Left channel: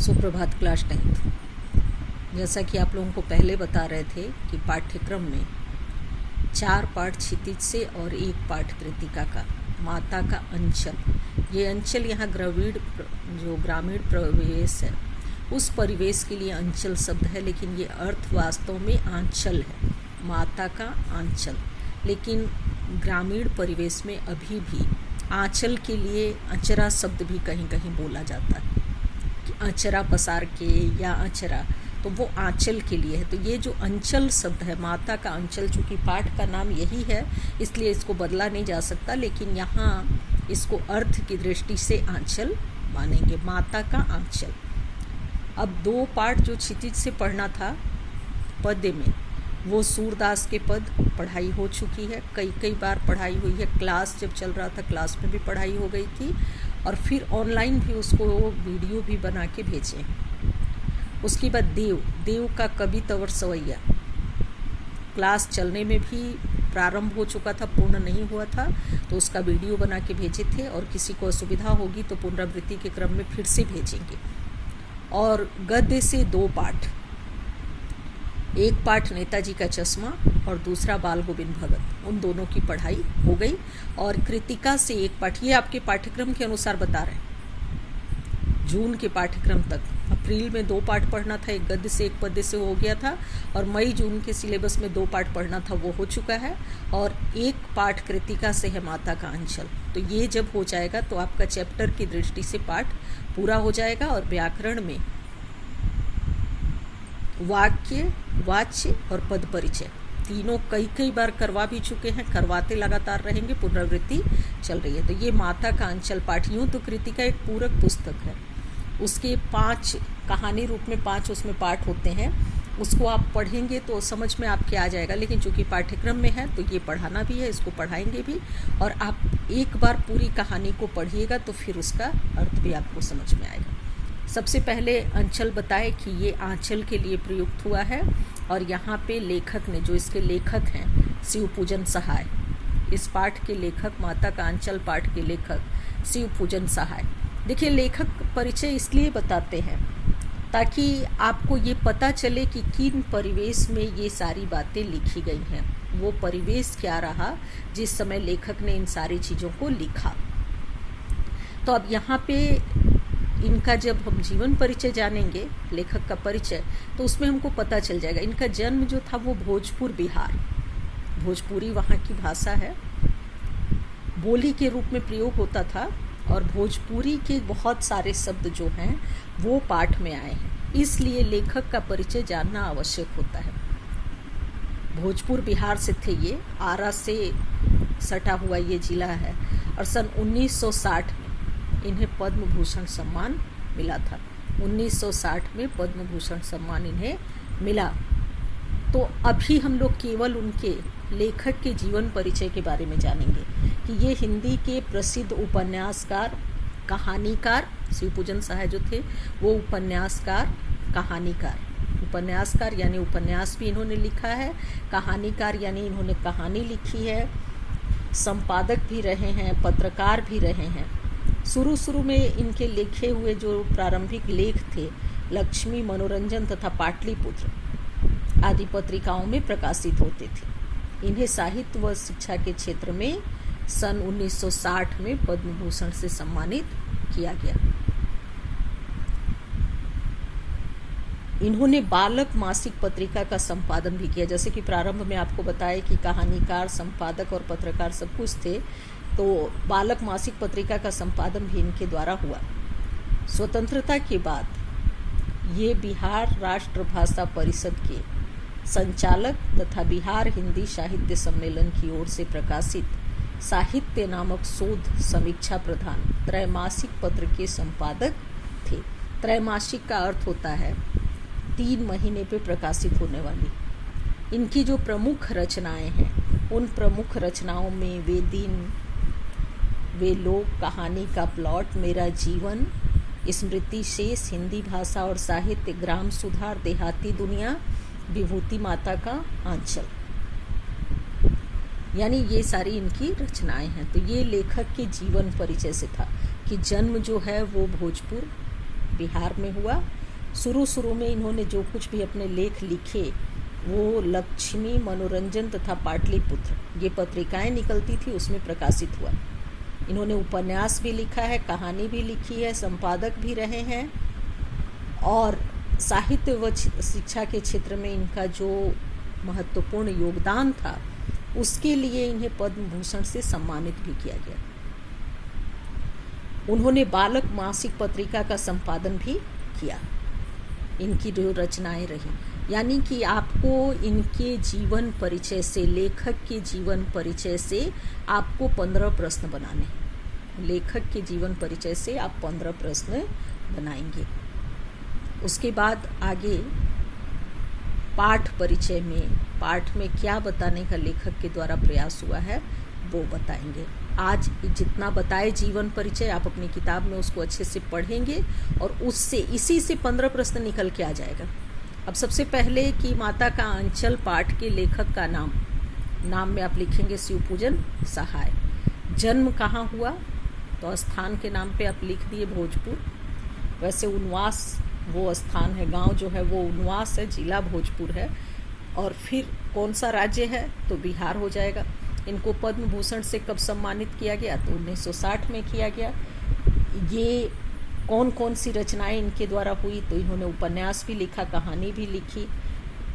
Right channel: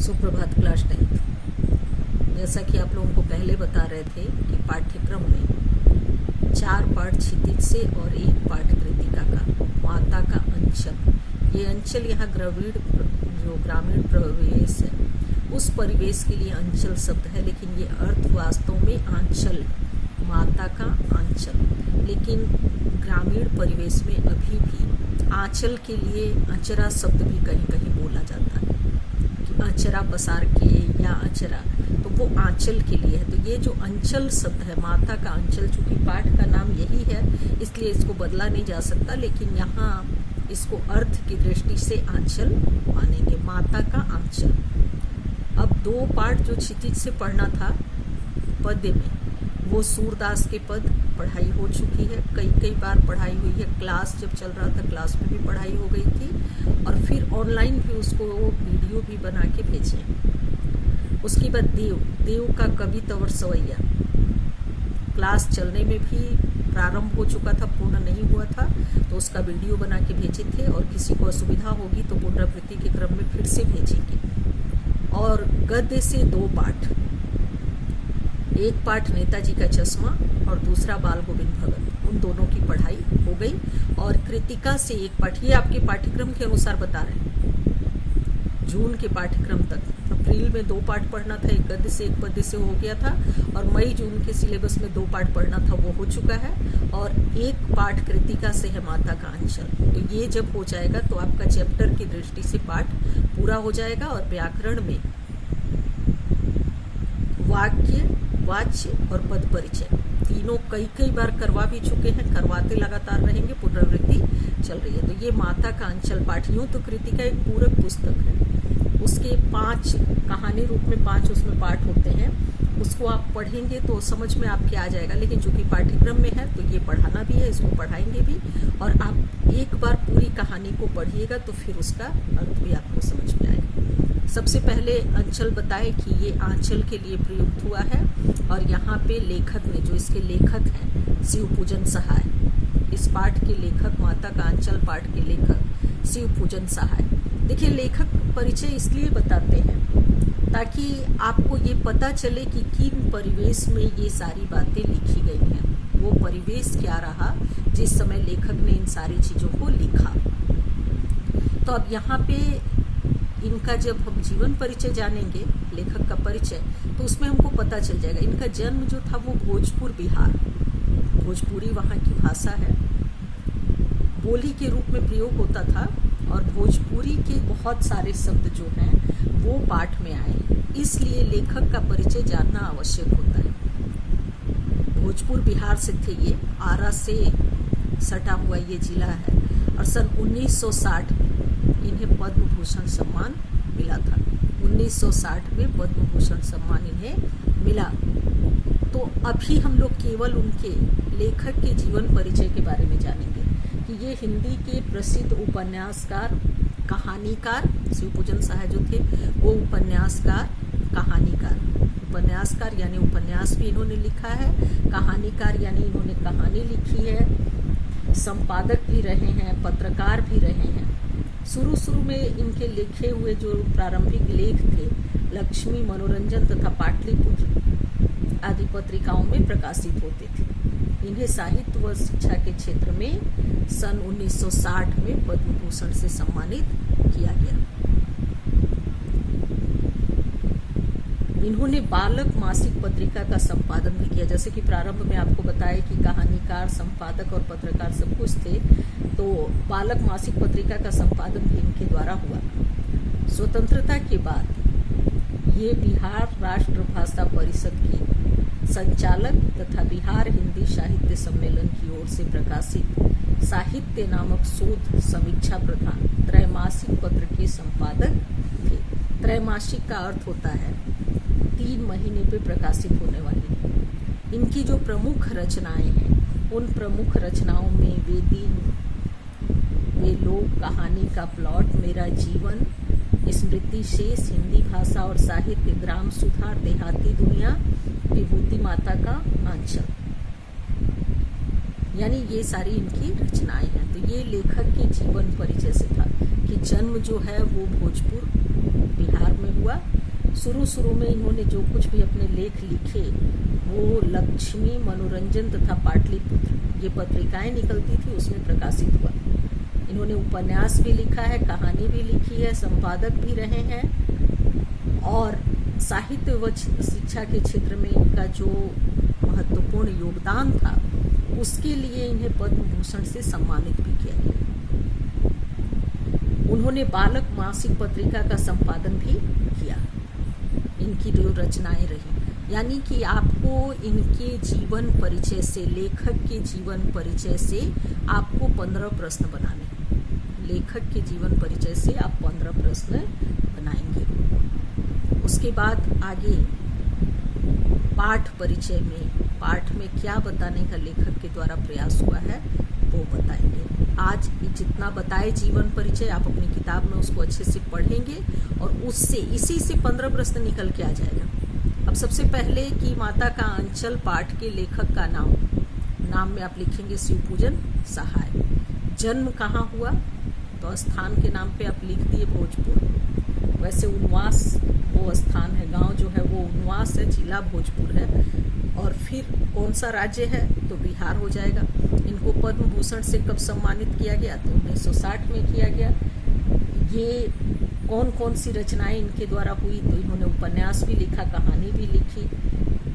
सुप्रभात class 10th। जैसा कि आप लोगों को पहले बता रहे थे कि पाठ्यक्रम में 4 पाठ क्षितिज से और 1 पाठ कृतिका का माता का अंचल। ये अंचल यहाँ ग्रामीण प्रवेश है, उस परिवेश के लिए अंचल शब्द है, लेकिन ये अर्थ वास्तव में आंचल है, माता का आंचल। लेकिन ग्रामीण परिवेश में अभी भी आंचल के लिए अचरा शब्द भी कहीं कहीं बोला जाता है कि अचरा पसार के या अचरा, तो वो आंचल के लिए है। तो ये जो अंचल शब्द है, माता का अंचल, चूंकि पाठ का नाम यही है इसलिए इसको बदला नहीं जा सकता, लेकिन यहाँ इसको अर्थ की दृष्टि से आंचल मानेंगे, माता का आंचल। अब 2 पाठ जो क्षितिज से पढ़ना था पद्य में, वो सूरदास के पद पढ़ाई हो चुकी है, कई बार पढ़ाई हुई है। क्लास जब चल रहा था क्लास में भी पढ़ाई हो गई थी, और फिर ऑनलाइन भी उसको वीडियो भी बना के भेजे। उसके बाद देव का कवि तवर सवैया क्लास चलने में भी प्रारंभ हो चुका था, पूर्ण नहीं हुआ था, तो उसका वीडियो बना के भेजे थे, और किसी को असुविधा होगी तो पुनरावृत्ति के क्रम में फिर से भेजेंगे। और गद्य से 2 पाठ, 1 पाठ नेताजी का चश्मा और दूसरा बाल गोविंद भगत, उन दोनों की पढ़ाई हो गई। और कृतिका से 1 पाठ, ये आपके पाठ्यक्रम के अनुसार बता रहे हैं, जून के पाठ्यक्रम तक। अप्रैल में 2 पाठ पढ़ना था, 1 गद्य से 1 पद्य से हो गया था, और मई जून के सिलेबस में 2 पाठ पढ़ना था, वो हो चुका है। और 1 पाठ कृतिका से है माता का अंचल। तो ये जब हो जाएगा तो आपका चैप्टर की दृष्टि से पाठ पूरा हो जाएगा। और व्याकरण में वाक्य, वाच्य और पद परिचय तीनों कई बार करवा भी चुके हैं, करवाते लगातार रहेंगे, पुनरावृत्ति चल रही है। तो ये माता का अंचल पाठ, यूं तो कृतिका एक पूरक पुस्तक है, उसके 5 कहानी रूप में 5 उसमें पाठ होते हैं, उसको आप पढ़ेंगे तो समझ में आपके आ जाएगा। लेकिन चूंकि पाठ्यक्रम में है तो ये पढ़ाना भी है, इसको पढ़ाएंगे भी, और आप एक बार पूरी कहानी को पढ़िएगा तो फिर उसका अर्थ भी आपको समझ में आएगा। सबसे पहले अंचल बताए कि ये आंचल के लिए प्रयुक्त हुआ है, और यहाँ पे लेखक ने, जो इसके लेखक हैं, शिवपूजन सहाय, इस पाठ के लेखक, माता का अंचल पाठ के लेखक शिवपूजन सहाय। देखिए, लेखक परिचय इसलिए बताते हैं ताकि आपको ये पता चले कि किन परिवेश में ये सारी बातें लिखी गई हैं, वो परिवेश क्या रहा जिस समय लेखक ने इन सारी चीज़ों को लिखा। तो अब यहाँ पे इनका जब हम जीवन परिचय जानेंगे, लेखक का परिचय, तो उसमें हमको पता चल जाएगा। इनका जन्म जो था वो भोजपुर बिहार, भोजपुरी वहाँ की भाषा है, बोली के रूप में प्रयोग होता था, और भोजपुरी के बहुत सारे शब्द जो हैं वो पाठ में आए हैं, इसलिए लेखक का परिचय जानना आवश्यक होता है। भोजपुर बिहार से थे ये, आरा से सटा हुआ ये जिला है, और सन 1960 इन्हें पद्म भूषण सम्मान मिला था। 1960 में पद्म भूषण सम्मान इन्हें मिला। तो अभी हम लोग केवल उनके लेखक के जीवन परिचय के बारे में जानेंगे कि ये हिंदी के प्रसिद्ध उपन्यासकार, कहानीकार, शिवपूजन सहाय जो थे वो उपन्यासकार, कहानीकार, उपन्यासकार यानी उपन्यास भी इन्होंने लिखा है, कहानीकार यानी इन्होंने कहानी लिखी है, संपादक भी रहे हैं, पत्रकार भी रहे हैं। शुरू में इनके लिखे हुए जो प्रारंभिक लेख थे लक्ष्मी, मनोरंजन तथा पाटलिपुत्र आदि पत्रिकाओं में प्रकाशित होते थे। इन्हें साहित्य व शिक्षा के क्षेत्र में सन 1960 में पद्म भूषण से सम्मानित किया गया। इन्होंने बालक मासिक पत्रिका का संपादन भी किया। जैसे कि प्रारंभ में आपको बताया कि कहानीकार, संपादक और पत्रकार सब कुछ थे, तो बालक मासिक पत्रिका का संपादन भी इनके द्वारा हुआ। स्वतंत्रता के बाद ये बिहार राष्ट्र भाषा परिषद के संचालक तथा बिहार हिंदी साहित्य सम्मेलन की ओर से प्रकाशित साहित्य नामक शोध समीक्षा प्रधान त्रैमासिक पत्र के संपादक थे। त्रैमासिक का अर्थ होता है 3 महीने पे प्रकाशित होने वाली। इनकी जो प्रमुख रचनाएं हैं, उन प्रमुख रचनाओं में वे दिन, वे लोग, कहानी का प्लॉट, मेरा जीवन, स्मृति शेष, हिंदी भाषा और साहित्य, ग्राम सुधार, देहाती दुनिया, विभूति माता का आंचल, यानी ये सारी इनकी रचनाएं हैं। तो ये लेखक के जीवन परिचय से था कि जन्म जो है वो भोजपुर बिहार में हुआ। शुरू में इन्होंने जो कुछ भी अपने लेख लिखे वो लक्ष्मी, मनोरंजन तथा पाटलिपुत्र ये पत्रिकाएं निकलती थी, उसमें प्रकाशित हुआ। इन्होंने उपन्यास भी लिखा है, कहानी भी लिखी है, संपादक भी रहे हैं और साहित्य व शिक्षा के क्षेत्र में इनका जो महत्वपूर्ण योगदान था उसके लिए इन्हें पद्म भूषण से सम्मानित भी किया गया। उन्होंने बालक मासिक पत्रिका का संपादन भी किया। इनकी जो रचनाएं रही, यानी कि आपको इनके जीवन परिचय से, लेखक के जीवन परिचय से आपको 15 प्रश्न बनाने हैं। लेखक के जीवन परिचय से आप 15 प्रश्न बनाएंगे। उसके बाद आगे पाठ परिचय में क्या बताने का लेखक के द्वारा प्रयास हुआ है वो बताएंगे। आज जितना बताए जीवन परिचय आप अपनी किताब में उसको अच्छे से पढ़ेंगे और उससे इसी से 15 प्रश्न निकल के आ जाएगा। अब सबसे पहले कि माता का आंचल पाठ के लेखक का नाम में आप लिखेंगे शिवपूजन सहाय। जन्म कहाँ हुआ तो स्थान के नाम पे आप लिख दिए भोजपुर। वैसे उनवास वो स्थान है, गांव जो है वो उनवास है, जिला भोजपुर है। और फिर कौन सा राज्य है तो बिहार हो जाएगा। इनको पद्म भूषण से कब सम्मानित किया गया तो 1960 में किया गया। ये कौन सी रचनाएं इनके द्वारा हुई तो इन्होंने उपन्यास भी लिखा, कहानी भी लिखी।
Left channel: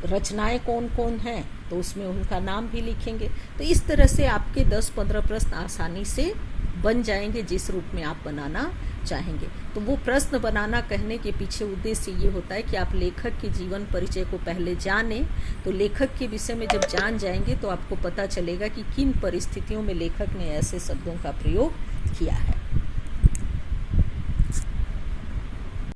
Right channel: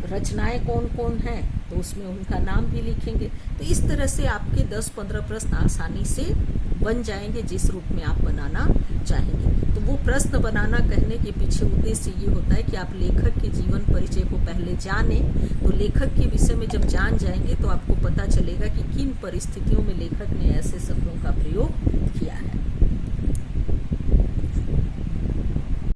रचनाएं कौन हैं तो उसमें उनका नाम भी लिखेंगे। तो इस तरह से आपके 10-15 प्रश्न आसानी से बन जाएंगे जिस रूप में आप बनाना चाहेंगे। तो वो प्रश्न बनाना कहने के पीछे उद्देश्य ये होता है कि आप लेखक के जीवन परिचय को पहले जानें। तो लेखक के विषय में जब जान जाएंगे तो आपको पता चलेगा कि किन परिस्थितियों में लेखक ने ऐसे शब्दों का प्रयोग किया है।